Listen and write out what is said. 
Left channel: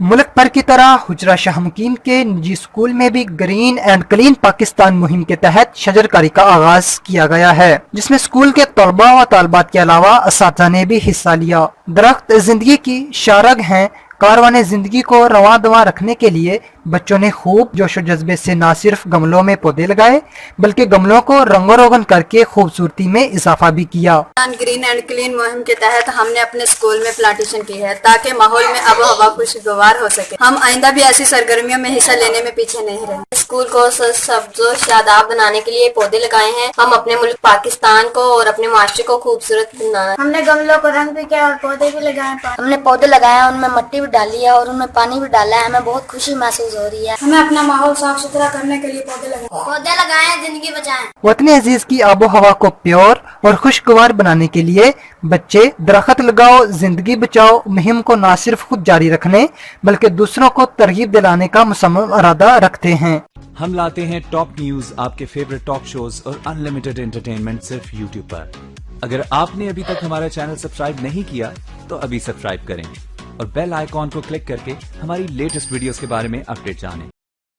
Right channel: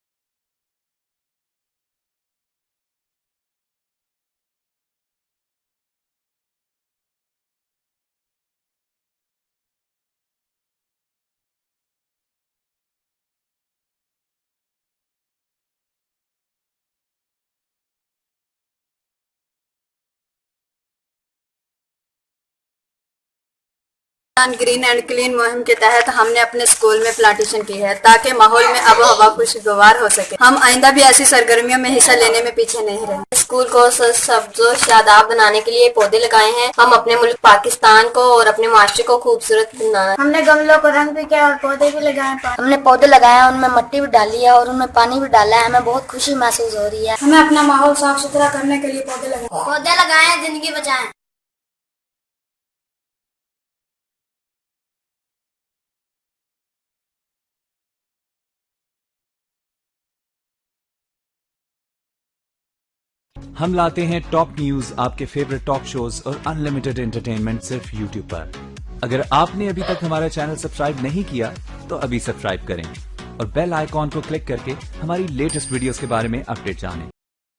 मुल्क भर की तरह हुजरा शाह मुकीम के निजी स्कूल में भी ग्रीन एंड क्लीन पाकिस्तान मुहिम के तहत शजरकारी का आगाज किया गया है, जिसमें स्कूल के तलबा व तालबात के अलावा असातिज़ा ने भी हिस्सा लिया। दरख्त जिंदगी की शारग हैं। कारवाने जिंदगी को रवां दवा रखने के लिए बच्चों ने खूब जोशो जज्बे से न सिर्फ गमलों में पौधे लगाए बल्कि गमलों को रंगो रोगन करके खूबसूरती में इजाफा भी किया। ग्रीन एंड क्लीन मुहिम के तहत हमने अपने स्कूल में प्लांटेशन की है ताकि माहौल में आबो हवा खुशगवार हो सके। हम आइंदा भी ऐसी सरगर्मियों में हिस्सा लेने में पीछे नहीं रहे। स्कूल को सब्जो शादाब बनाने के लिए पौधे लगाए हैं। हम अपने मुल्क पाकिस्तान को और अपने माशरे को खूबसूरत बनाना। हमने गमलों को रंग भी किया और पौधे भी लगाए। हमने पौधे लगाए, उनमें मिट्टी भी डाली है और उनमें पानी भी डाला है। हमें बहुत खुशी महसूस हो रही है। हमें अपना माहौल साफ सुथरा करने के लिए पौधे लगाए, जिंदगी बचाएं। वतन अजीज की आबो हवा को प्योर और खुशगवार बनाने के लिए बच्चे दरख्त लगाओ जिंदगी बचाओ मुहिम को न सिर्फ खुद जारी रखने बल्कि दूसरों को तरगीब दिलाने का मुसम्मम इरादा रखते हैं। हम लाते हैं टॉप न्यूज, आपके फेवरेट टॉक शोज और अनलिमिटेड एंटरटेनमेंट सिर्फ यूट्यूब पर। अगर आपने अभी तक हमारा चैनल सब्सक्राइब नहीं किया तो अभी सब्सक्राइब करें और बेल आइकॉन को क्लिक करके हमारी लेटेस्ट वीडियोस के बारे में अपडेट जानें।